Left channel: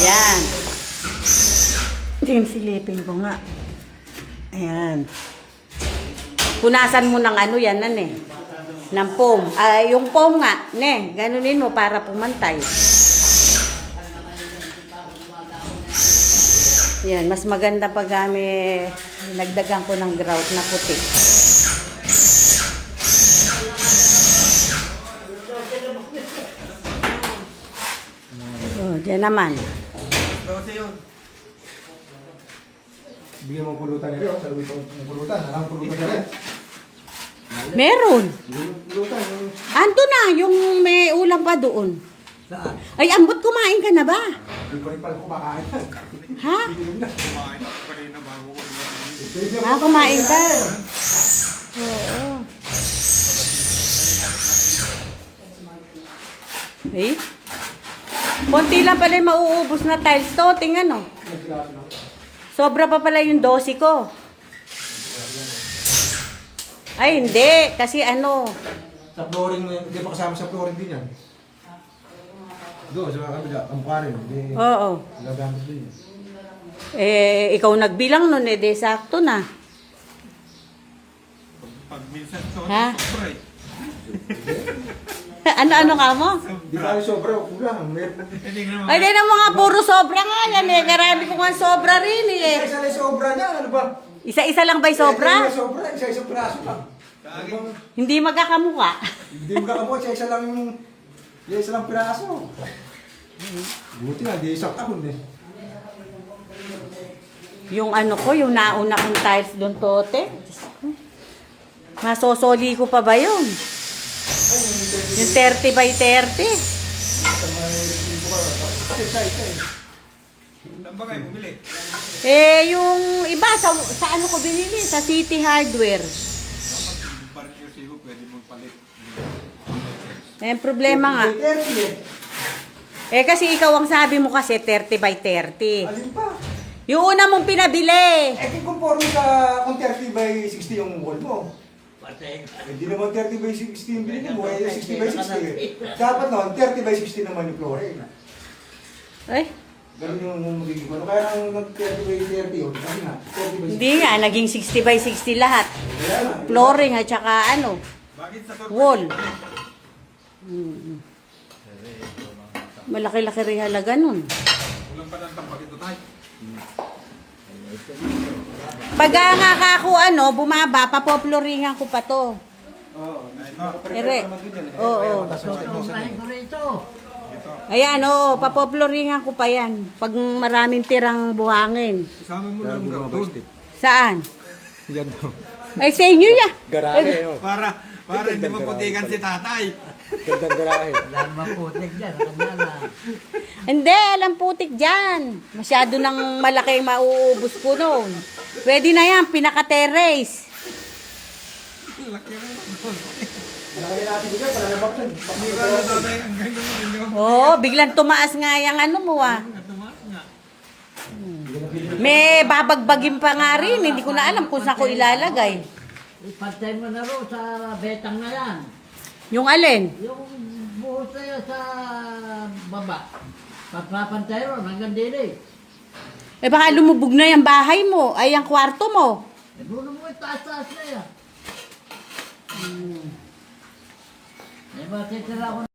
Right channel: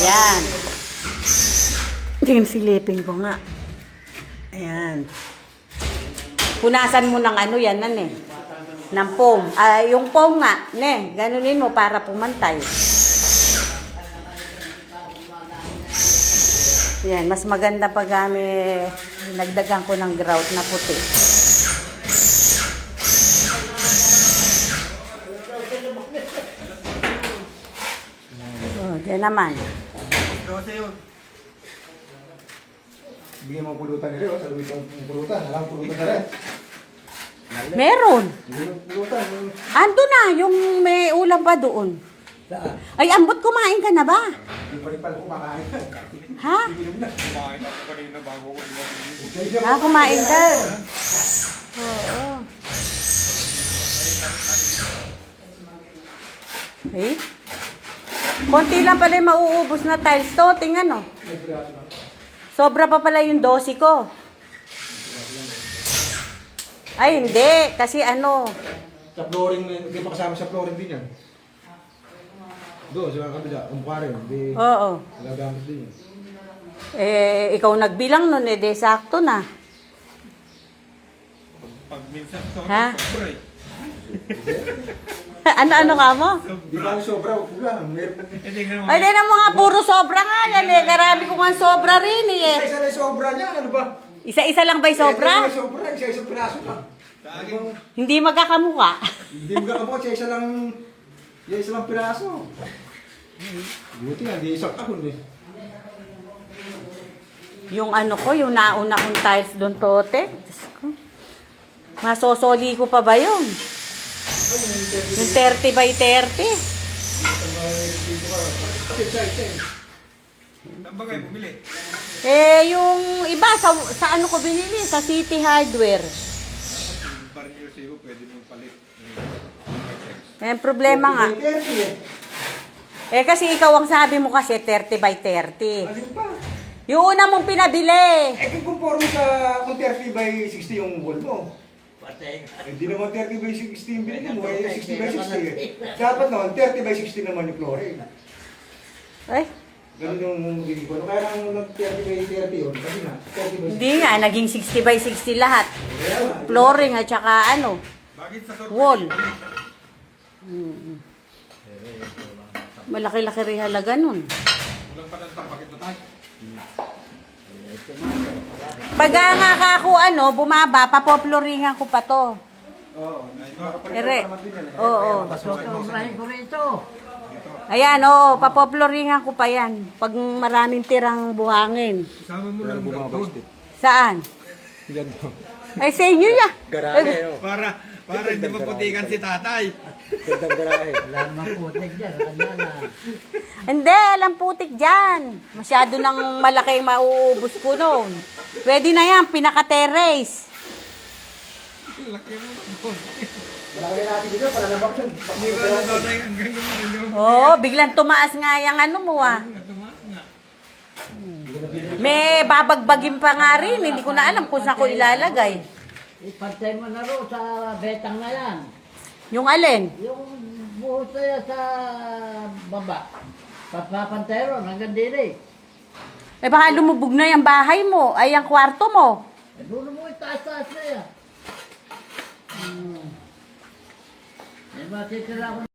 Ayan. Tingin silipin ko nga. Ayan. Punasan mo ng ano yan, ng foam. Yung foam nga, ganunin mo para pumantay. Yan, mas maganda pag nagdagan ko ng grout na puti. Diyan naman. Bigyan mo pulutan nila, sa lubit ng pulutan. Alam pulutan na rin. Meron. Pulutan. Ando na, yung may ulam pa doon. Saan? Ay, ambot, kumain ka na ba? Hindi pa rin pala kumakain. Ha? Kumain pa rin na bago ko. Kumain ka. Oo. Eh? Konti lang pala yung mauubos na tiles to. Tingnan, oh. Sobra pa pala yung dosi ko. Ay, hindi. Kasi ano. Sa flooring, hindi pa kasama sa flooring din yan. Doon, sa kabila, ang mukha rin. Oo. Nagagamit din. Ikaw nagbilang nun, de sakto na. Pag minsan to, Ha? sobra eh. Ano ka mo? Di ba yung sobra? Huwag lang. Tingnan mo. Ay, di na mga puro sobra nga yan eh. Karami ko nga sobra rin eh. Isa lang yung sobra niya. Ano ba? Isa-isa lang ba'y sobra? Sobra. Isa-isa piraso lang. Hindi magkakamuka. Hindi mo kakamot. Isa lang yung... Isa lang piraso. Buti nga, di isang kahon eh. Yung ano ko, yung nauna kong tiles doon tote. Diyos ko. Masosoli ko pa ba yun? Yung 30 by 30. Saan ba kayo bumili? Yung iba, sa ano ko binili? Sa City Hardware. Parang yung siyo, pwede mong palit. May problema nga. 30 eh. Kasi ikaw ang sabi mo kasi 30 by 30. Alin pa? Yung una mong pinabili. Kung conforme sa kung 30 by 60 yung wall mo. Hindi naman 30 by 60 yung binili mo, 60 by 60. Dapat noon, 30 by 60 naman yung flooring. Eh, Ganun yung binili ko. Kaya nang nag-30 by 30 yun, kasi na, 30 by 60. hindi nga, naging 60 by 60 lahat. Flooring at saka ano, Bakit sa surprise? wall. Malaki-laki rin halaga nun. Walang pa ng bakit na tayo. Pag nga ako bumaba, papoploringan ko pa to. Oo. Ere. Oo. Sobrahin ko rito. Ayan, papoploringan ko pa yan. Pag maraming tirang buhangin. Isama mo lang doon. Saan? Yan daw. Ay, sa inyo ya. Para hindi maputikan si tatay. Gandang garahe. Wala naman putik dyan. Kanya na. Hindi, alam putik dyan. Masyado nang malaki mauubos ko noon. Pwede na yan, pinaka-terrace. Laki naman. Malaki natin dito, para nabaksan. Hindi ko alam tatay hanggang yung inyo. Oo, biglang tumaas nga yung ano mo ah. Tumaas nga. May babagbagin pa nga rin. Hindi ko na alam kung saan ko ilalagay. Ipantay mo na ro sa betang na yan. Yung alin? Yung buhos na yan sa baba. Papapantay ro hanggang dili. Baka lumubog na yung bahay mo. Ay, ang kwarto mo. Doon mo itaas-taas na yan. May matitira ako